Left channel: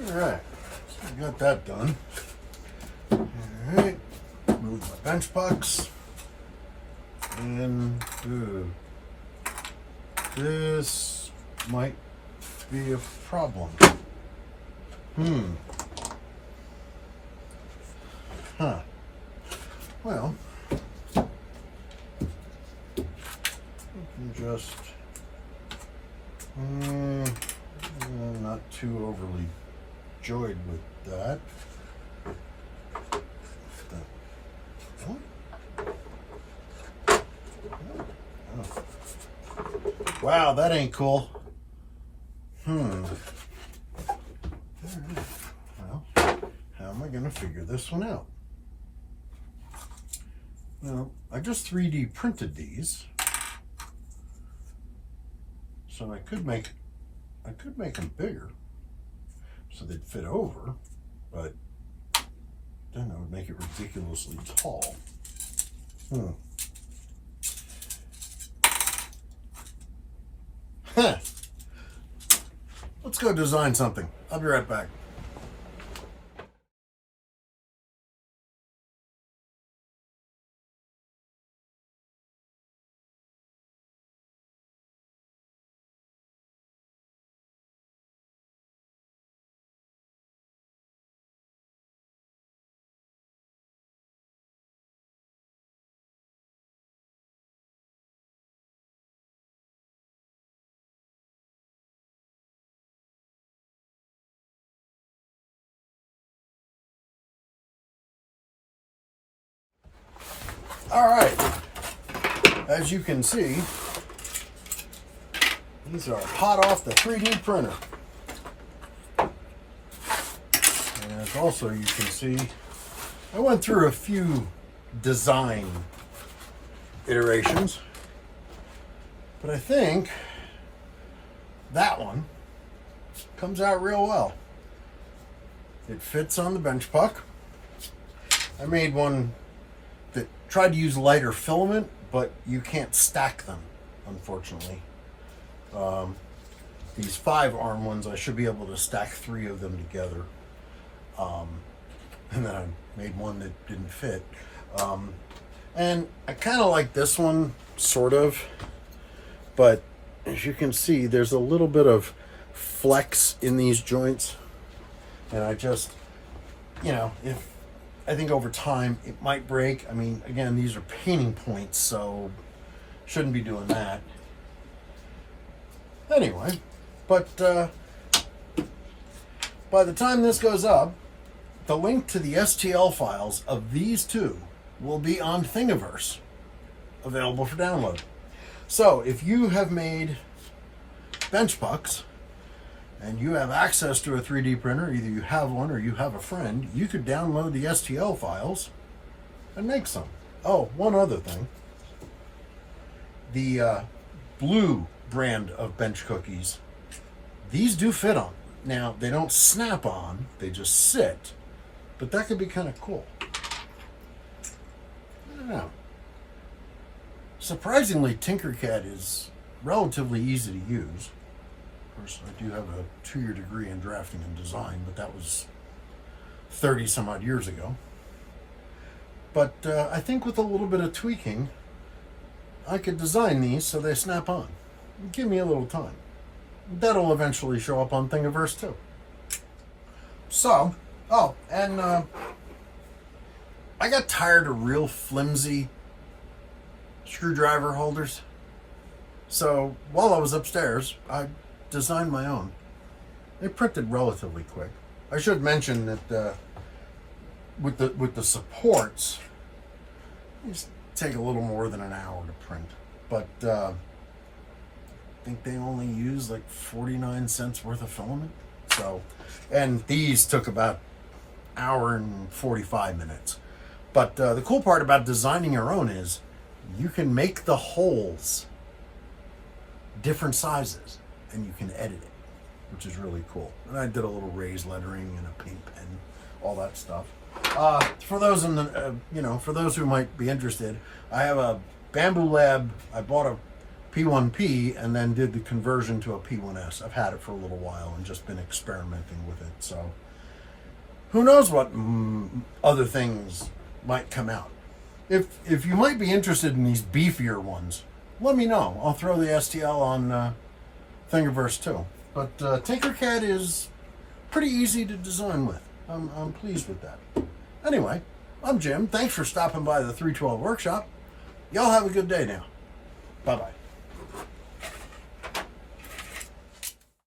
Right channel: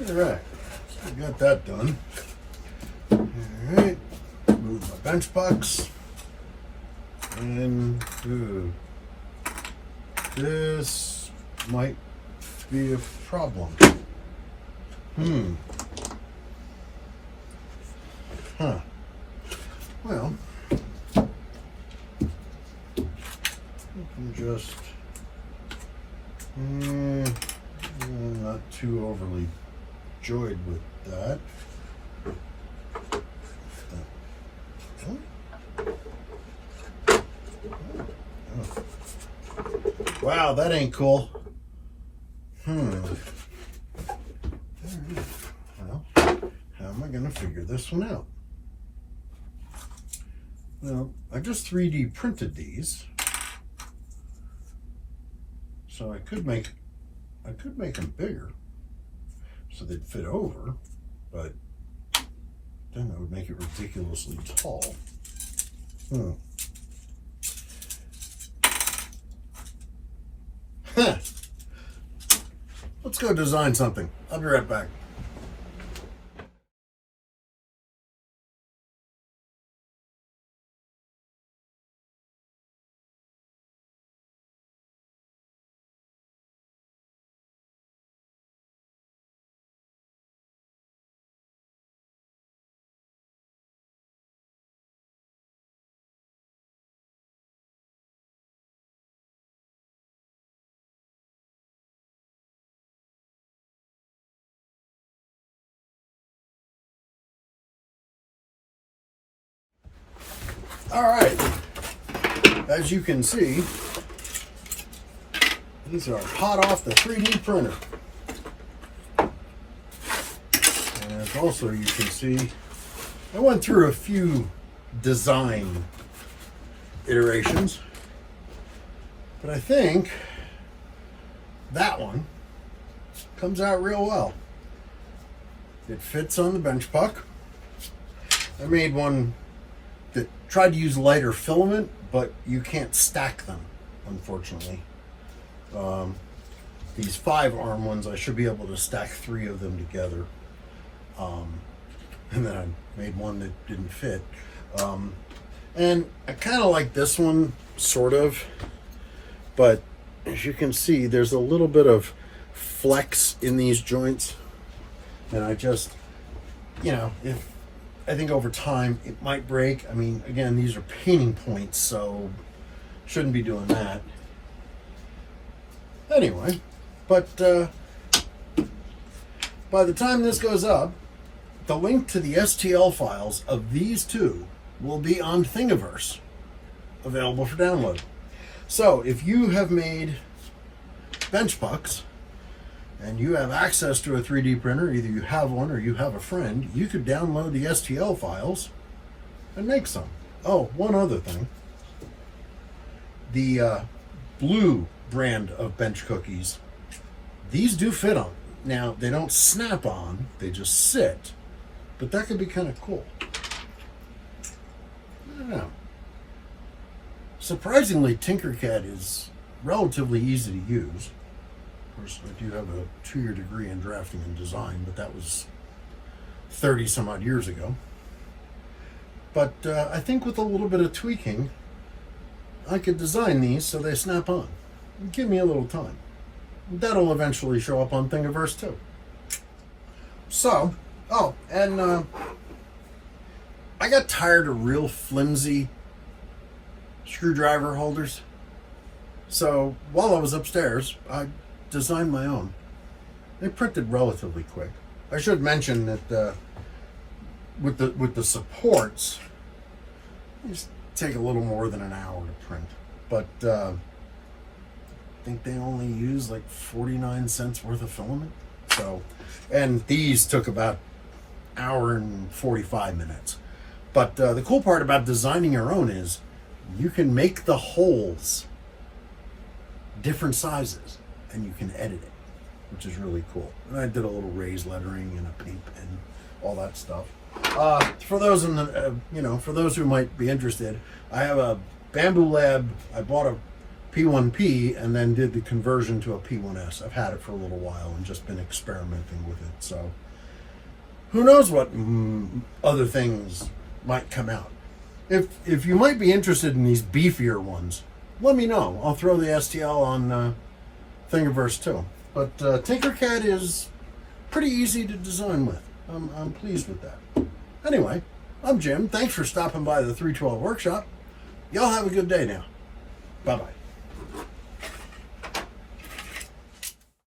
All right, so I got that done. All right, move my bench pucks. And this might be a problem. Huh. Well, I can just I'm not too overly joyed with that. Wow, that ain't cool. Well, how am I going to figure this one out? Well, I just 3D printed these, so I could make them bigger, so they'd fit over, but then I would make it ridiculously tall. Let's go design something. I'll be right back. All right, as you can see, these are hot off the 3D printer. And also you can see, I went through a few design iterations, but I think that one comes out real well. It fits on the bench puck. I made one that tried to use lighter filament, but you can't stack them, unfortunately. These 5-arm ones, I should be able to stack 3 of them together. And then I made one that didn't fit. And I kind of like this one, sort of. But as you can see, there's a little bit of flex in these joints. And I just, I think over time it might break. I mean, again, these are painting points, so shouldn't be doing that. Anyway, but by the time this goes up, the link to the STL files of these two will be on Thingiverse, available for download. So if you have made bench pucks and you have access to a 3D printer, either you have one or you have a friend, you could download the STL files and make some. Oh, one other thing. The Blue brand of bench cookies, these do fit on. Now, they don't snap on, they just sit, but that could be kind of cool. Yeah. Surprisingly, Tinkercad is relatively easy to use. Of course, I do have a 2-year degree in drafting and design, but that was 30 some odd years ago. But I think with a little bit of tweaking, I could design these so they snap on. Give me a little time. That'll eventually show up on Thingiverse too. So, and I got tired of real flimsy screwdriver holders. So while I was upstairs, I designed my own. They printed relatively quick. I should mention that with the supports, these take a little more than an hour to print, but I think they only use like 49 cents worth of filament. So, and these took about an hour and 45 minutes. But the cool part about designing your own is you can make the holes different sizes and you can edit it, which is really cool. And I did a little raised lettering and a paint pen, all that stuff. For those in the, for those who might be interested, I have a Bambu Lab. I bought a P1P and then did the conversion to a P1S. I've had it for a little while and just been experimenting with it. So who knows what other things might come out. If you might be interested in these beefier ones, let me know. I'll throw the STL on Thingiverse too. But Tinkercad is pretty easy to design with. I'm pleased with that. Anyway, I'm Jim. Thanks for stopping by the 312 workshop. Y'all have a good day now. Bye-bye.